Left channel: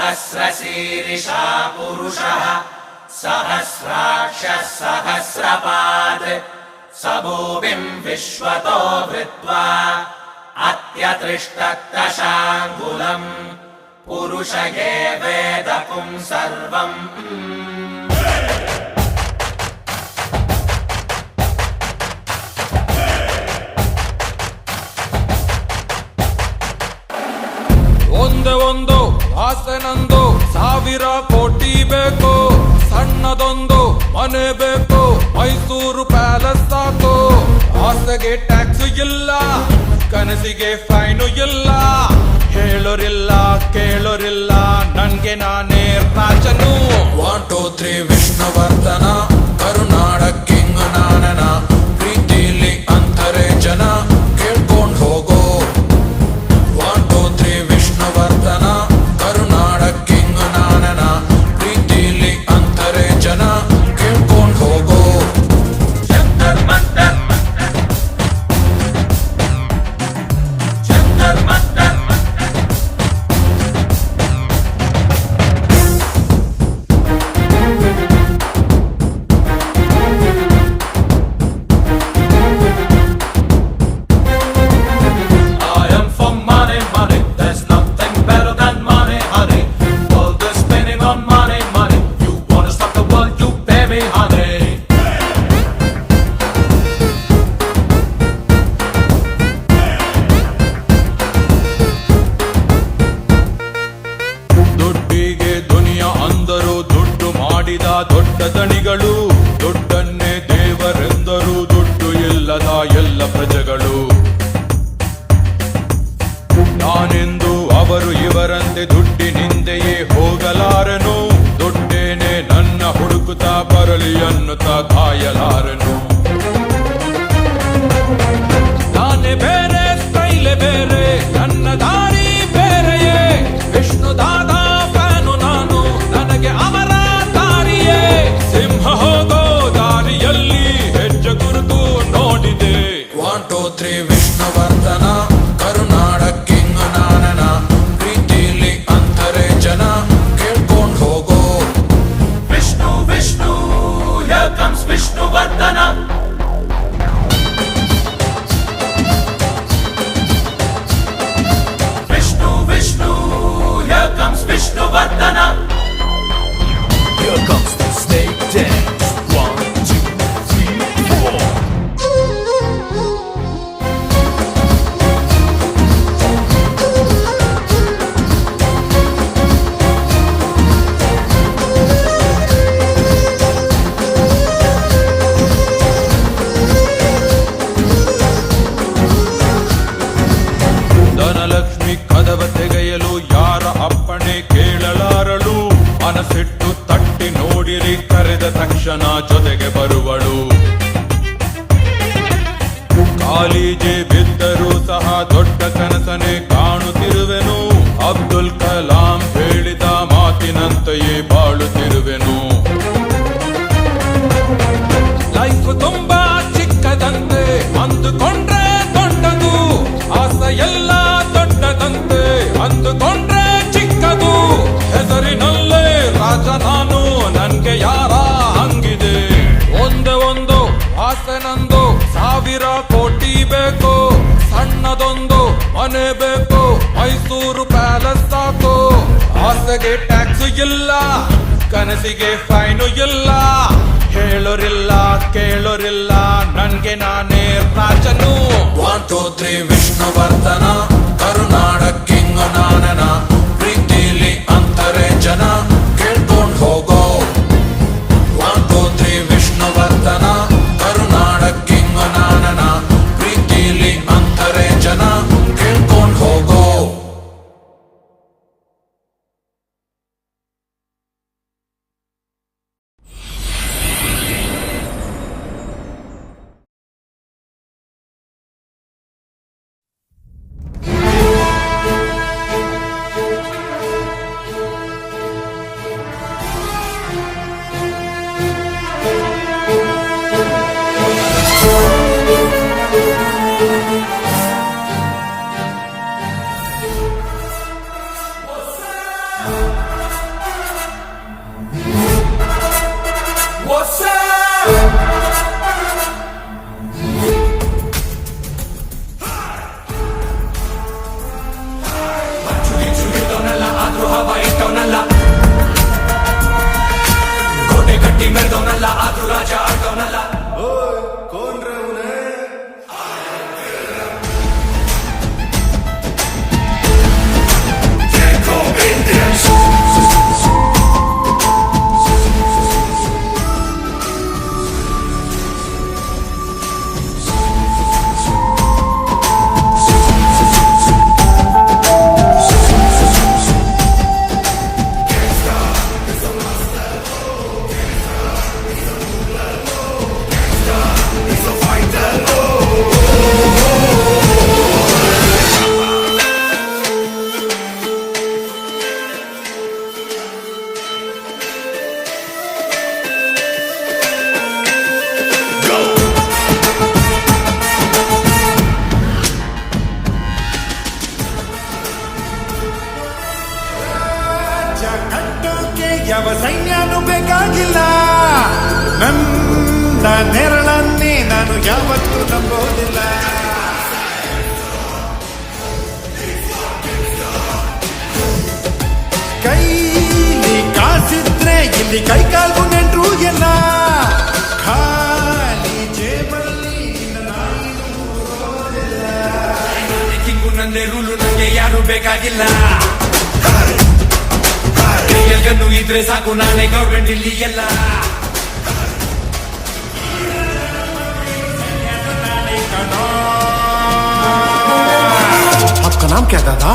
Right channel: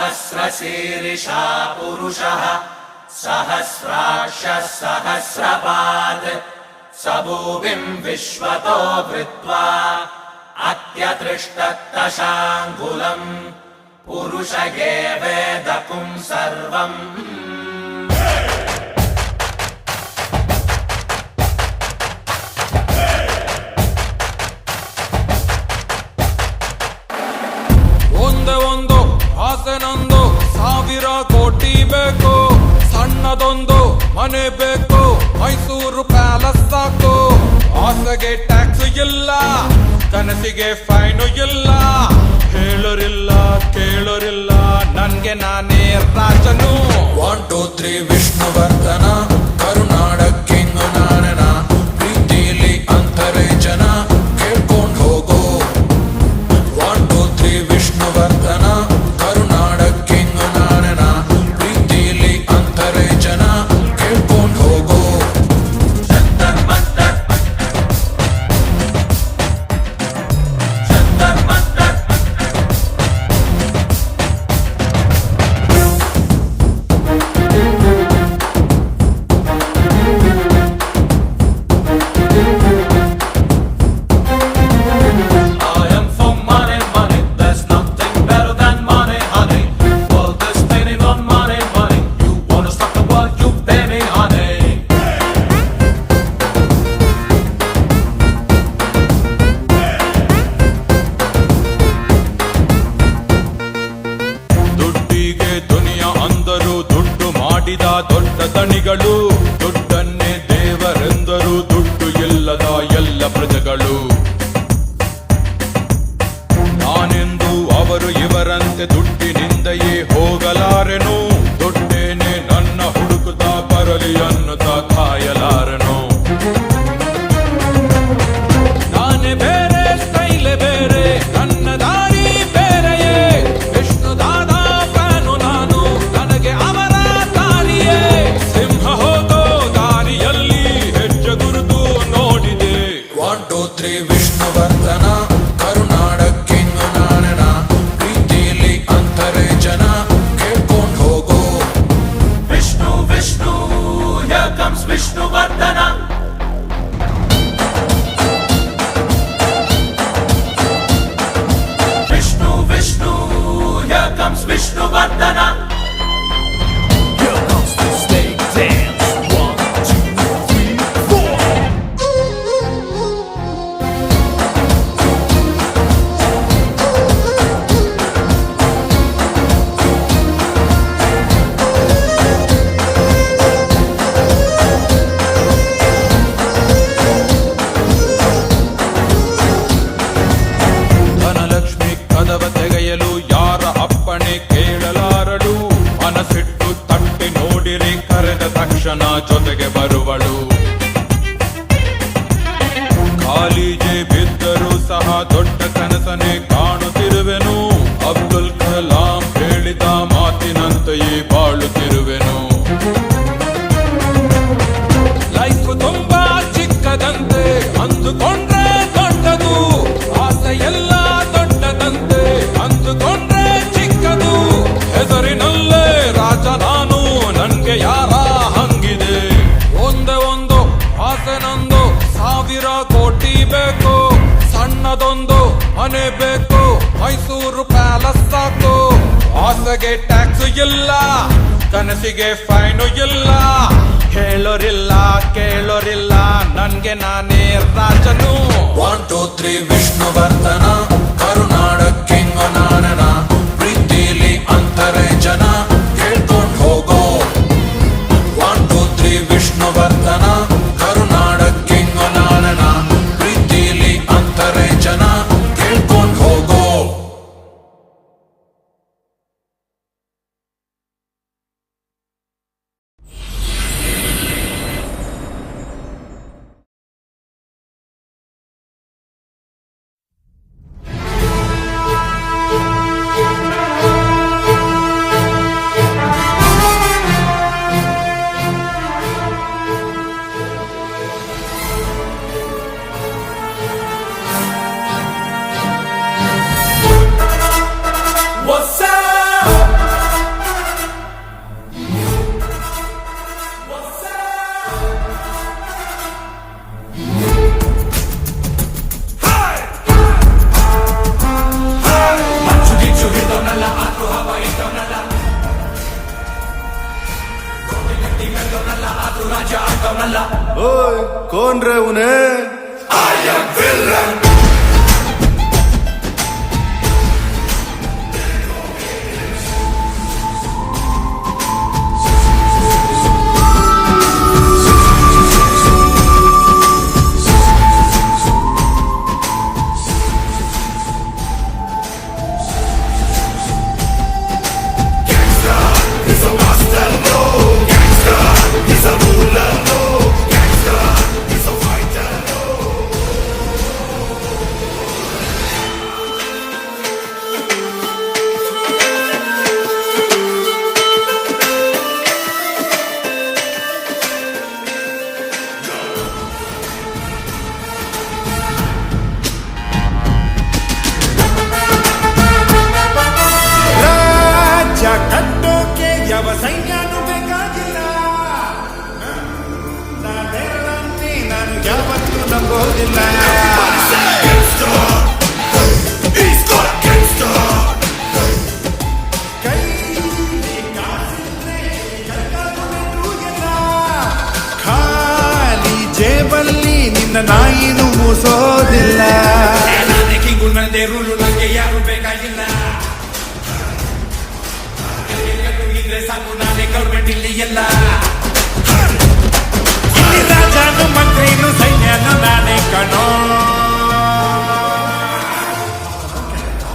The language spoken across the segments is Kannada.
सहस्रशीर्षा पुरुषः सहस्राक्षः सहस्रपात् स भूमिं विश्वतो वृत्वा अत्यतिष्ठत्तशाङ्गुलम् पुरुष एवेदकुं सर्वम् ಒಂದೇ ಒಂದು ಆಸೆ ನಂದು, 1000 ಕೋಟಿ ಬೇಕು, ಸಣ್ಣದೊಂದು ಮನೆ ಬೇಕು, ಮೈಸೂರು ಪ್ಯಾಲೇಸ್ ಸಾಕು. ಆಸೆಗೆ ಟ್ಯಾಕ್ಸ್ ಇಲ್ಲ, ಕನಸಿಗೆ ಫೈನು ಇಲ್ಲ, ಹೇಳೋರಿಲ್ಲ ಕೇಳೋರಿಲ್ಲ, ನನ್ಗೆ ನಾನೇ ರಾಜನು. 1 2 3 ವಿಷ್ಣುವರ್ಧನ, ಕರುನಾಡ ಕಿಂಗ್ ನಾನನ, ಪ್ರೀತಿಲಿ ಅಂತರೆ ಜನ ಕೇಳ್ಕೊಂಡ್ ಹೋಗೋ. 1 2 3 ವಿಷ್ಣುವರ್ಧನ, ಕರುನಾಡ ಕಿಂಗ್ ನಾನನ, ಪ್ರೀತಿಲಿ ಅಂತರೆ ಜನ ಕೇಳ್ಕೊಂಡ್ ಹೋಗೋ. Jantar Mantar Jantar Mantar I am for money, money. There's nothing better than money, honey. World is spinning on money, money. You wanna stop the world, you pay me, honey. ದುಡ್ಡಿಗೆ ದುನಿಯಾ ಅಂದರು, ದುಡ್ಡು ಮಾಡಿದ ದೊಡ್ಡ ದಣಿಗಳು, ದುಡ್ಡನ್ನೇ ದೇವರೆಂದರು, ದುಡ್ಡು ಇಲ್ಲದ ಎಲ್ಲ ಪ್ರಜೆಗಳು. ನಾನೆಂದು ಅವರು ಇವರಂತೆ ದುಡ್ಡಿನಿಂದೆಯೇ ಹೋಗಲಾರೆನು, ದುಡ್ಡೇನೆ ನನ್ನ ಹುಡುಕುತ್ತಾ ಬರಲಿ ಅನ್ನುತ್ತಾ ಕಾಯಲಾರೆನು. ನಾನೇ ಬೇರೆ, ಸ್ಟೈಲೆ ಬೇರೆ, ನನ್ನ ದಾರಿ ಬೇರೆಯೇ, ವಿಷ್ಣುದಾದ ಫ್ಯಾನು ನಾನು, ನನಗೆ ಅವರ ದಾರಿಯೇ. ಸಿಂಹ ಹೋಗೋ ದಾರಿಯಲ್ಲಿ ಹೆಜ್ಜೆ ಗುರುತು ನೋಡಿದೆ. 1 2 3 ವಿಷ್ಣುವರ್ಧನ, ಕರುನಾಡ ಕಿಂಗ್ ನಾನನ, ಪ್ರೀತಿಲಿ ಅಂತರೆ ಜನ ಕೇಳ್ಕೊಂಡ್ ಹೋಗೋ. Vishnu, Vishnu, here comes Vishnu Vardhana. Vishnu, Vishnu, here comes Vishnu Vardhana. Here comes the state dance. 1 2 3 4. Dhanalakshmi ಕದವ ತೆಗೆಯಲು ಯಾರ ಅಪ್ಪಣೆ ಕೇಳಲಾರಳು, ಮನಸ್ಸಿಟ್ಟು ತಟ್ಟಿ ನೋಡಿರಿ ಕರೆದ ತಕ್ಷಣ ಜೊತೆಗೆ ಬರುವಳು. ಕಾಲಿಗೆ ಬಿದ್ದರೂ ಸಹ ದೊಡ್ಡ ಕನಸನೆ ಕಾಣುತ್ತಿರುವೆನು, ಅಬ್ದುಲ್ ಕಲಾಂ ಹೇಳಿದ ಮಾತಿನಂತೆಯೇ ಬಾಳುತ್ತಿರುವೆನು. ಲೈಫ್ ತುಂಬಾ ಚಿಕ್ಕದಂತೆ ಅಂದುಕೊಂಡ್ರೆ ದೊಡ್ಡದು, ಆಸೆ ಎಲ್ಲ ದೊಡ್ಡದಂತೆ ಅಂದುಕೊಂಡ್ರೆ ಚಿಕ್ಕದು. ಹೆಸರಿನಲ್ಲೇ ರಾಜ ನಾನು, ನನ್ಗೆ ಯಾರ ಹಂಗಿದೆ. ಒಂದೇ ಒಂದು ಆಸೆ ನಂದು, 1000 ಕೋಟಿ ಬೇಕು, ಸಣ್ಣದೊಂದು ಮನೆ ಬೇಕು, ಮೈಸೂರು ಪ್ಯಾಲೇಸ್ ಸಾಕು. ಆಸೆಗೆ ಟ್ಯಾಕ್ಸ್ ಇಲ್ಲ, ಕನಸಿಗೆ ಫೈನು ಇಲ್ಲ, ಹೇಳೋರಿಲ್ಲ ಕೇಳೋರಿಲ್ಲ, ನನ್ಗೆ ನಾನೇ ರಾಜನು. 1 2 3 ವಿಷ್ಣುವರ್ಧನ, ಕರುನಾಡ ಕಿಂಗ್ ನಾನನ, ಪ್ರೀತಿಲಿ ಅಂತರೆ ಜನ ಕೇಳ್ಕೊಂಡ್ ಹೋಗೋ. 1 2 3 ವಿಷ್ಣುವರ್ಧನ, ಕರುನಾಡ ಕಿಂಗ್ ನಾನನ, ಪ್ರೀತಿಲಿ ಅಂತರೆ ಜನ ಕೇಳ್ಕೊಂಡ್ ಹೋಗೋ. ರಾಜ್ಯ ಕಟ್ಟೋಕೆ ಯಾವ ಸೈನ್ಯನೂ ಬೇಕಾಗಿಲ್ಲ. ನನ್ನ ನೆರಳನ್ನೇ ನಾನು ಯಾವತ್ತೂ ನಂಬೋದಿಲ್ಲ. ಕೈಲಿ ಕಾಸಿದ್ರೆ ಇಲ್ಲಿ ಕೈಕಾಲ್ಗೂ ನೆಂಟ್ರು ಎಲ್ಲ. ಖಾಲಿ ಜೇಬಲ್ಲಿ ನಿನ್ನ ನಾಯಿನೂ ಮೂಸೋದಿಲ್ಲ. ನಾನೇ ಕಿಂಗು, ನಂದೇ ರೂಲು, ನಂಗೆ ಯಾರು ಬೇಕಾಗಿಲ್ಲ. ಕೈಯಲ್ಗನ್ನು ಇದ್ರೆ ಸಾಕು, ನಾನೇ ಗೌರ್ಮೆಂಟ್ ಇಲ್ಲಿ ಎಲ್ಲ. ಇಲ್ಲಿ ರಾಜನು ಮಂತ್ರಿನು ಸೈನ್ಯನು ನಾನೇ ಕಣೋ. आपका नाम क्या दादा?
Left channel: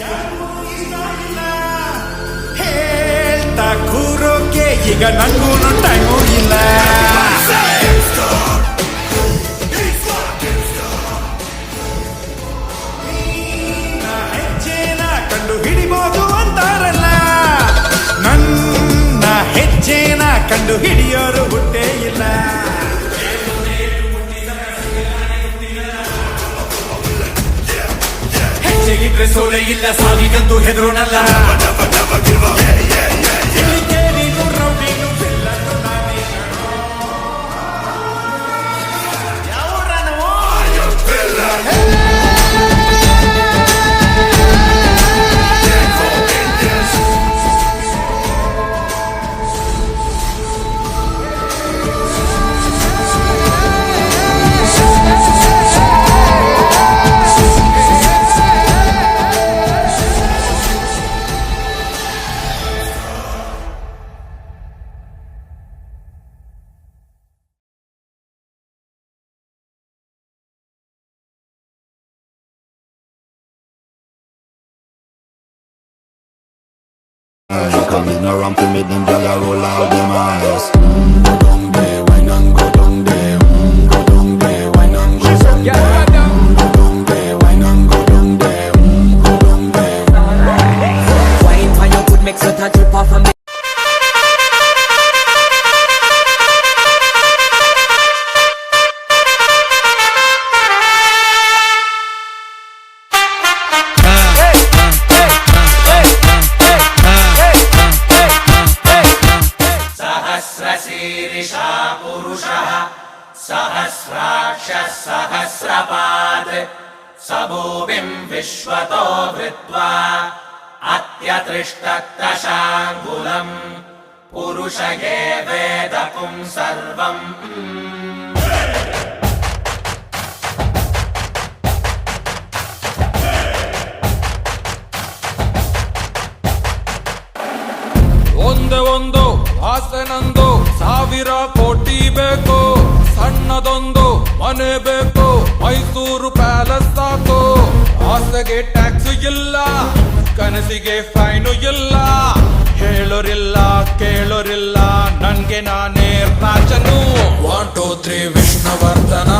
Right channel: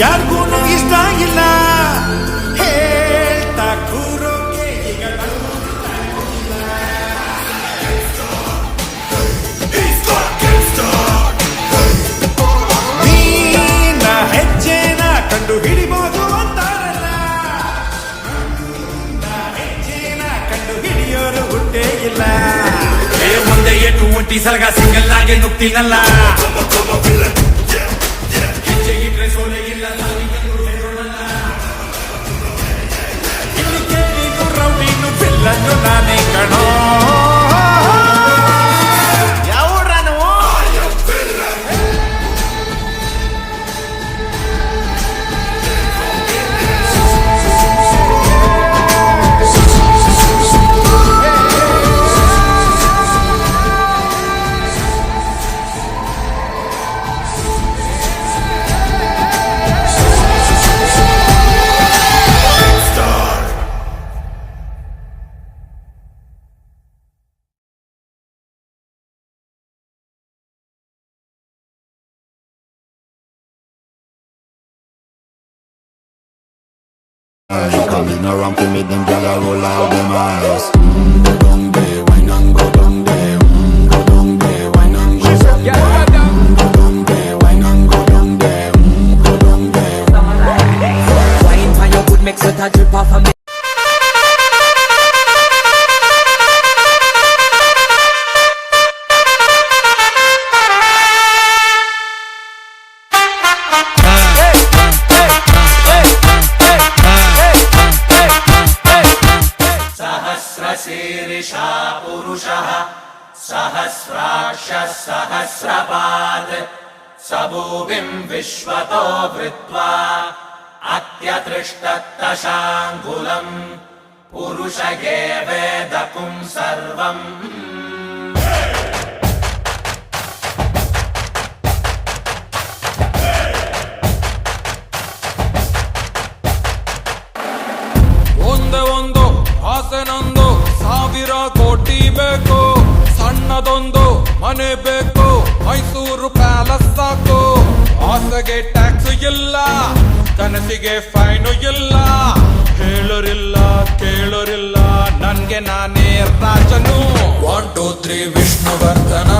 ಯಾರಿಗೂ ಇಷ್ಟ ಇಲ್ಲ. ಹೇಳ್ತಾ ಕೂರೋಕೆ ಈಗ ನಂಗೂ ಟೈಮು ಇಲ್ಲ. ನೀನ ಹೆಜ್ಜೆನ ಕಂಡು ಹಿಡಿಬೋದು ಅಂತಾರಲ್ಲ, ನನ್ನ ಹೆಜ್ಜೆನ ಕಂಡು ಹಿಡಿಯೋರು ಹುಟ್ಟೇ ಇಲ್ಲ. ಮುಂದೆ ಎಟ್ಟು ಒಂಟಿ ಸಲಗ ಸಿಂಗಲ್ ಆಗಿ ನುಗ್ತೀನಲ್ಲ. ಇಟ್ರೆ ಸೋಲೆ ಇಲ್ಲ, ಸಾವಿಗಂತೂ ಹೆದರೋಣಲ್ಲ. ಇಲ್ಲಿ ಕೇಳಿನು ರೌಡಿನು ಬಿಲ್ಲನ್ನು ನಾನೇ ಕಣೋ. Coming around to me, them gyal a roll out them eyes. Go down there, wine and go down there. Go down there, wine and go down there. Go down there, wine and go down there. Go down there. Wine for your good makes it a drip off of me. सहस्रशीर्षा पुरुषः सहस्राक्षः सहस्रपात् स भूमिम् विश्वतो वृत्वा अत्यतिष्ठत्तशाङ्गुलम् पुरुष एवेदकुम् सर्वम्. ಒಂದು ಆಸನೊಂದು 1000 ಕೋಟಿ ಬೇಕು. ಸಣ್ಣದೊಂದು ಮನೆ ಬೇಕು, ಮೈಸೂರು ಪ್ಯಾಲೇಸ್ ಸಾಕು. ಆಸೆಗೆ ಟ್ಯಾಕ್ಸ್ ಇಲ್ಲ, ಕನಸಿಗೆ ಫೈನು ಇಲ್ಲ. ಹೇಳೋರಿಲ್ಲ ಕೇಳೋರಿಲ್ಲ, ನನ್ಗೆ ನಾನೇ ರಾಜನು. 1 2 3 ವಿಷ್ಣುವರ್ಧನ,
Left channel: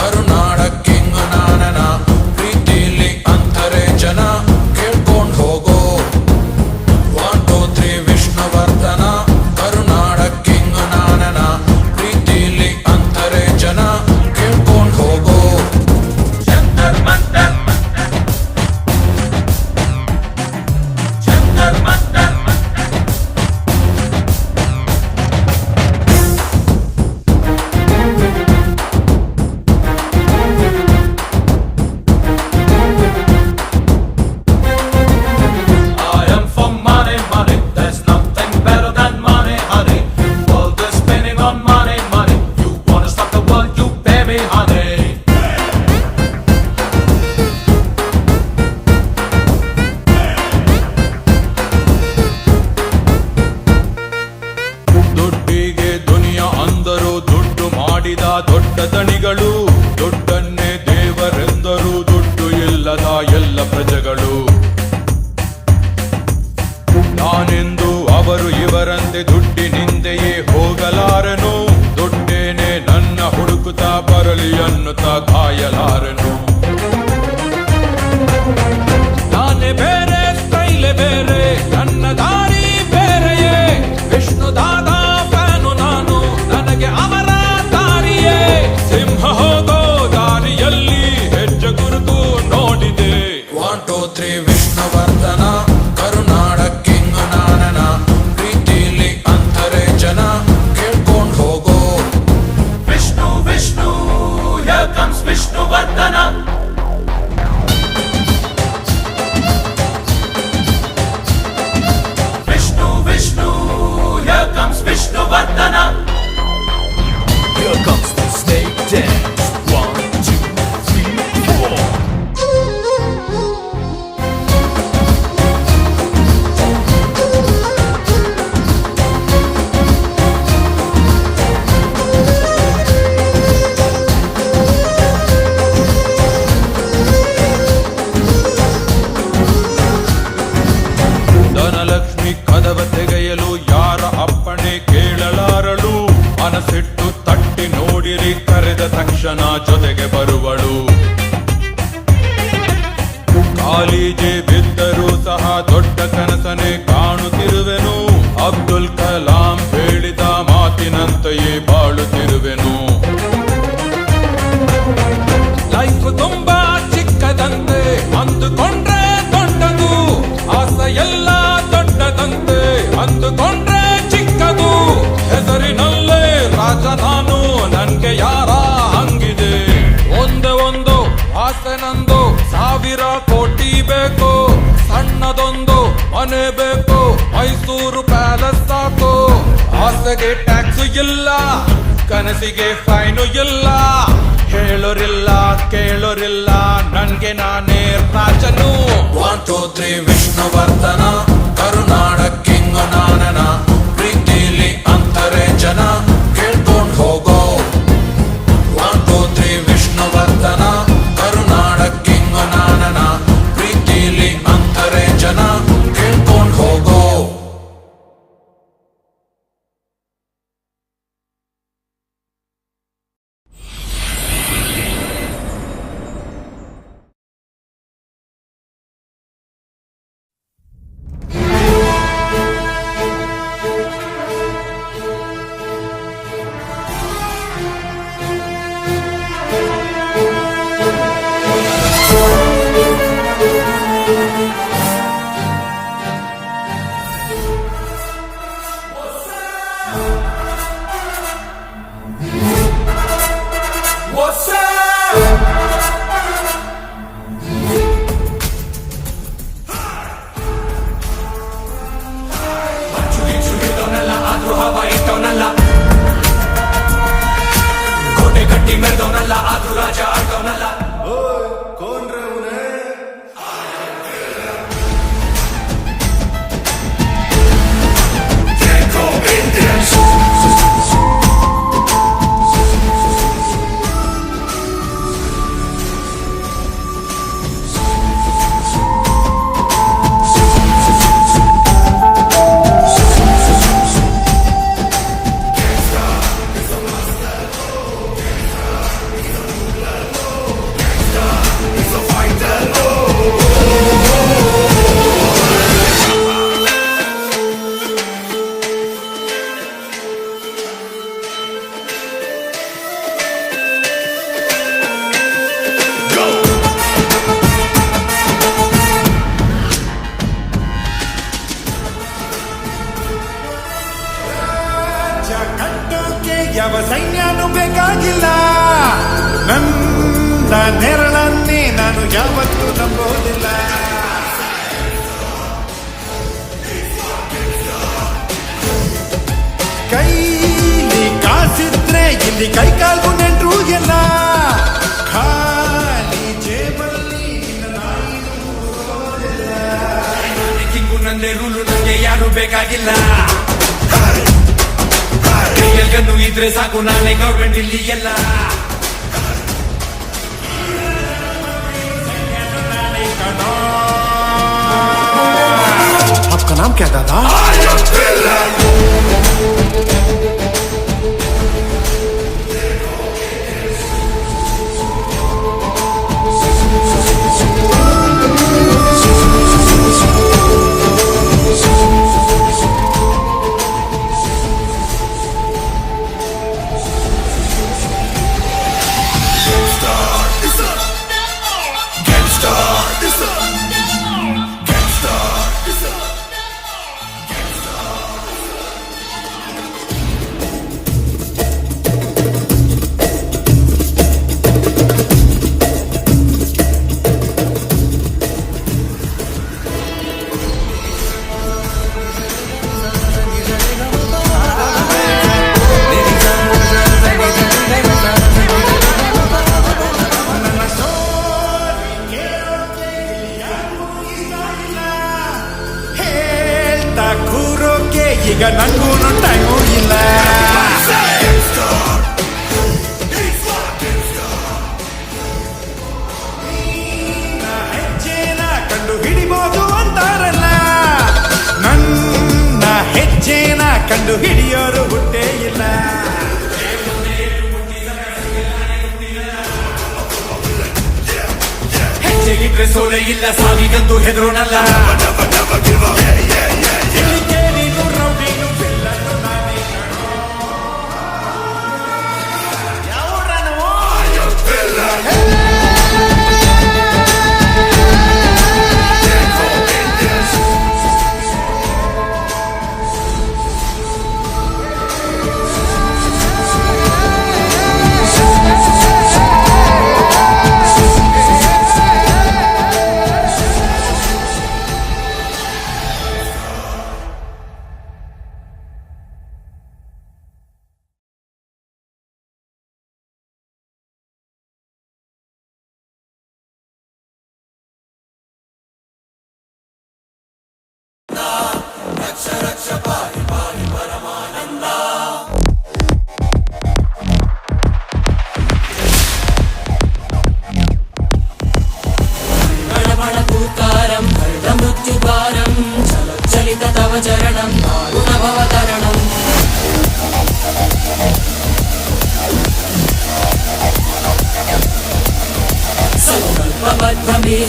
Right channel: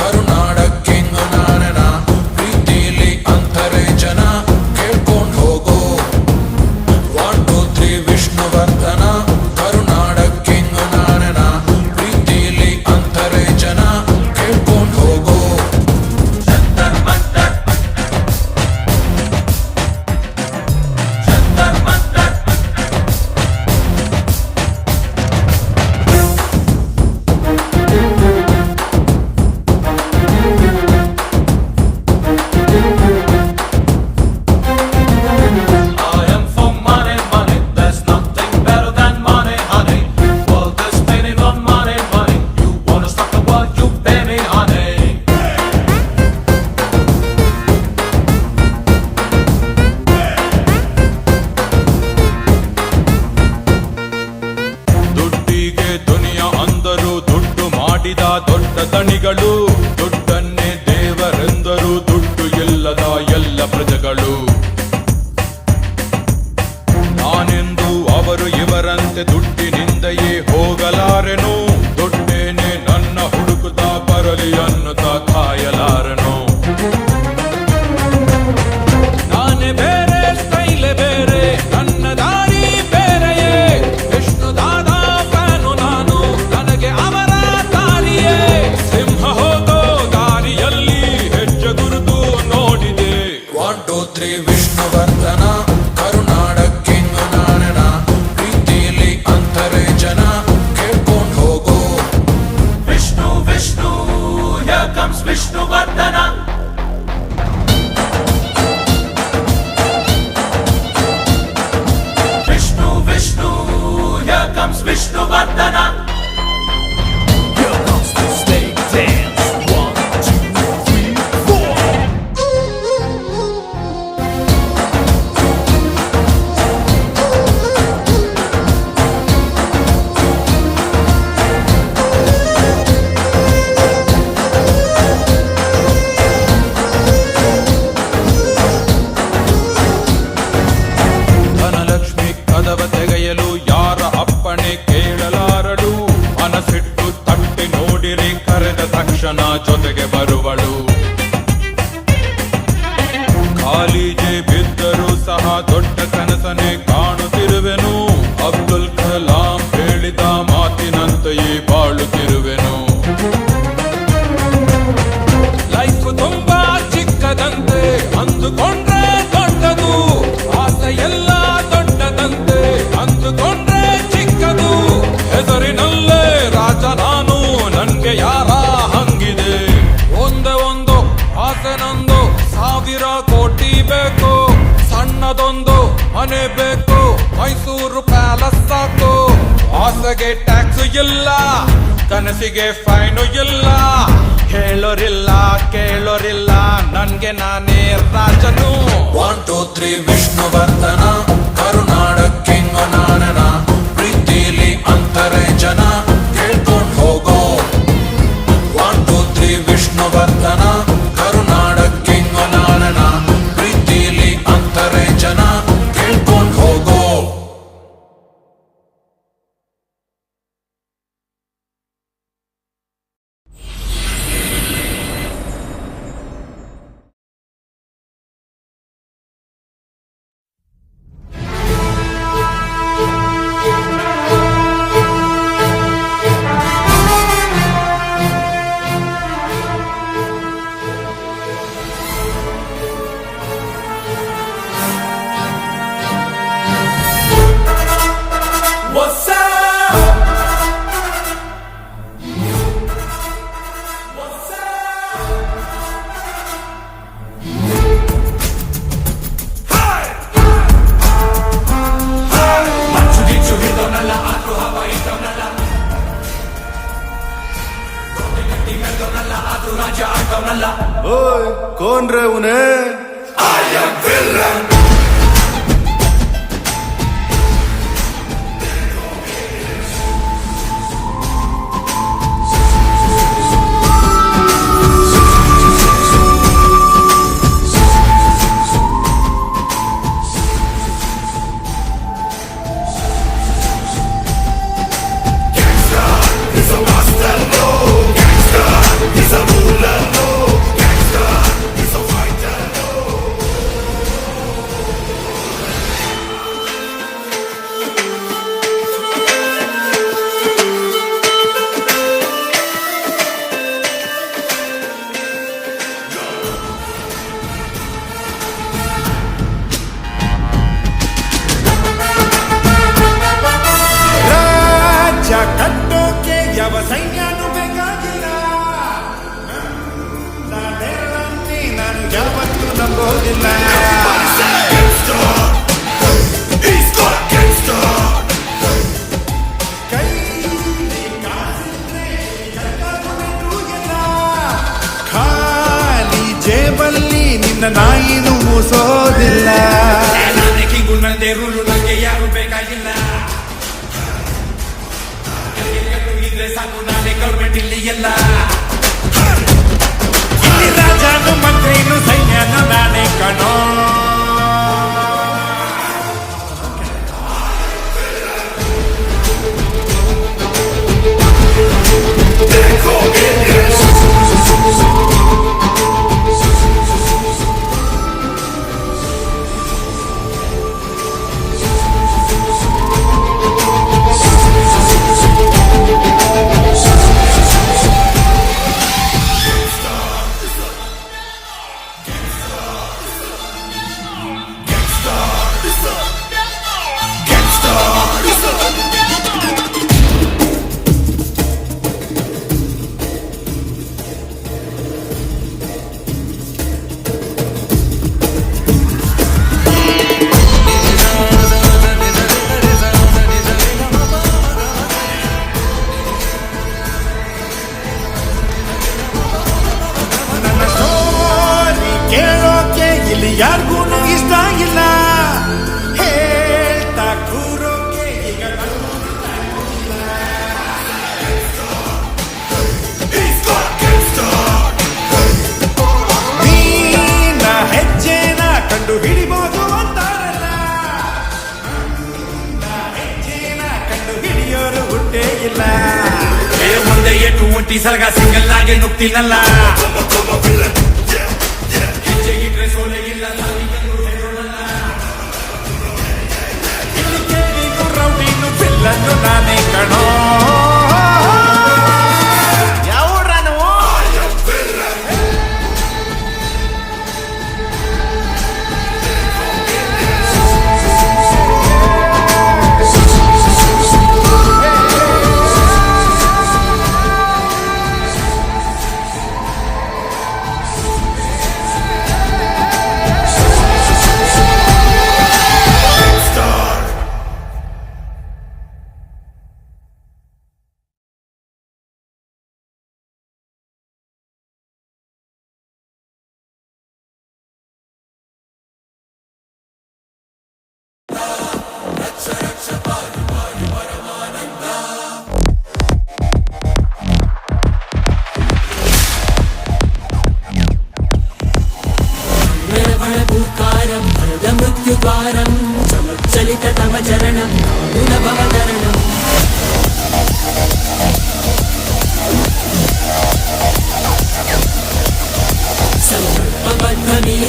ಕರುನಾಡ ಕಿಂಗ್ ನಾನನ. ಪ್ರೀತಿಲಿ ಅಂತಾರೆ ಜನ, ಕೇಳ್ಕೊಂಡ್ ಹೋಗೋ. 1 2 3 ವಿಷ್ಣುವರ್ಧನ, ಕರುನಾಡ ಕಿಂಗ್ ನಾನನ. ಪ್ರೀತಿಲಿ ಅಂತಾರೆ ಜನ, ಕೇಳ್ಕೊಂಡ್ ಹೋಗೋ. ಜಂತರ್ ಮಂತರ್ ಜಂತರ್ ಮಂತರ್ ಹಿಟ್ಟು ತಟ್ಟಿ ನೋಡಿರಿ ಕರೆದ ತಕ್ಷಣ ಜೊತೆಗೆ ಬರುವಳು ಕಾಲಿಗೆ ಬಿದ್ದರೂ ಸಹ ದೊಡ್ಡ ಕನಸನೆ ಕಾಣುತ್ತಿರುವೆನು ಅಬ್ದುಲ್ ಕಲಾಂ ಹೇಳಿದ ಮಾತಿನಂತೆಯೇ ಬಾಳುತ್ತಿರುವೆನು ಲೈಫ್ ತುಂಬಾ ಚಿಕ್ಕದಂತೆ ಅಂದುಕೊಂಡ್ರೆ ದೊಡ್ಡದು ಆಸೆ ಎಲ್ಲ ದೊಡ್ಡದಂತೆ ಅಂದುಕೊಂಡ್ರೆ ಚಿಕ್ಕದು ಹೆಸರಿನಲ್ಲೇ ರಾಜ ನಾನು ನನ್ಗೆ ಯಾರ ಹಂಗಿದೆ ಒಂದೇ ಒಂದು ಆಸೆ ನಂದು 1000 ಕೋಟಿ ಬೇಕು ಸಣ್ಣದೊಂದು ಮನೆ ಬೇಕು ಮೈಸೂರು ಪ್ಯಾಲೇಸ್ ಸಾಕು ಆಸೆಗೆ ಟ್ಯಾಕ್ಸ್ ಇಲ್ಲ ಕನಸಿಗೆ ಫೈನು ಇಲ್ಲ ಹೇಳೋರಿಲ್ಲ ಕೇಳೋರಿಲ್ಲ ನನ್ಗೆ ನಾನೇ ರಾಜನು 1 2 3 ವಿಷ್ಣುವರ್ಧನ ಕರುನಾಡ ಕಿಂಗು ನಾನನ ಪ್ರೀತಿಲಿ ಅಂತಾರೆ ಜನ ಕೇಳ್ಕೊಂಡ್ ಹೋಗೋ 1 2 3 ವಿಷ್ಣುವರ್ಧನ ಕರುನಾಡ ಕಿಂಗು ನಾನನ ಪ್ರೀತಿಲಿ ಅಂತಾರೆ ಜನ ಕೇಳ್ಕೊಂಡ್ ಹೋಗೋ What's up? What's up? ಮಂಚು ಗಿಂಚು ಹಿಡಿದವನಲ್ಲ ಆದ್ರೂ ಹವ ಇಟ್ಟವನಲ್ಲ ಕೋಟೆ ಕಟ್ಟಿ ಮೆರೆದವನಲ್ಲ ಆದ್ರೂ ರಾಜ ಆಡ್ದವನಲ್ಲ ಓಯ್ ಕೋನ್ ರೇ ಉನೇ ರಾಜ್ಯ ಕಟ್ಟೋಕೆ ಯಾವ ಸೈನ್ಯನೂ ಬೇಕಾಗಿಲ್ಲ ನನ್ನ ನೆರಳನ್ನೇ ನಾನು ಯಾವತ್ತೂ ನಂಬೋದಿಲ್ಲ ಕೈಲಿ ಕಾಸಿದ್ರೆ ಇಲ್ಲಿ ಕೈಕಾಲ್ಗೂ ನೆಂಟ್ರು ಎಲ್ಲ ಖಾಲಿ ಜೇಬಲ್ಲಿ ನಿನ್ನ ನಾಯಿನೂ ಮೂಸೋದಿಲ್ಲ ನಾನೇ ಕಿಂಗು ನಂದೇ ರೂಲು ನಂಗೆ ಯಾರು ಬೇಕಾಗಿಲ್ಲ ಕೈಯಲ್ಗನ್ನು ಇದ್ರೆ ಸಾಕು ನಾನೇ ಗೌರ್ಮೆಂಟ್ ಇಲ್ಲಿ ಎಲ್ಲ ಇಲ್ಲಿ ರಾಜನು ಮಂತ್ರಿನು ಸೈನ್ಯನು ನಾನೇ ಕಣೋ आपका नाम क्या दादा ಸಲಗ ಸಿಂಗಲ್ ಆಗಿ ನುಗ್ತೀನಲ್ಲ ಹೆಜ್ಜೆ ಇಟ್ರೆ ಸೋಲೆ ಇಲ್ಲ ಸಾವಿಗಂತೂ ಹೆದರೋಣಲ್ಲ ಇಲ್ಲಿ ಕೇಳಿನು ರೌಡಿನು ಬಿಲ್ಲನ್ನು ನಾನೇ ಕಣೋ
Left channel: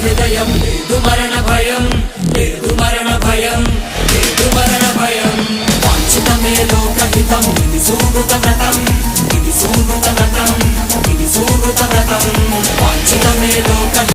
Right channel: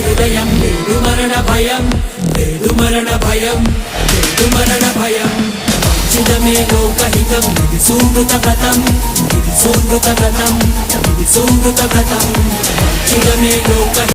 హృదయం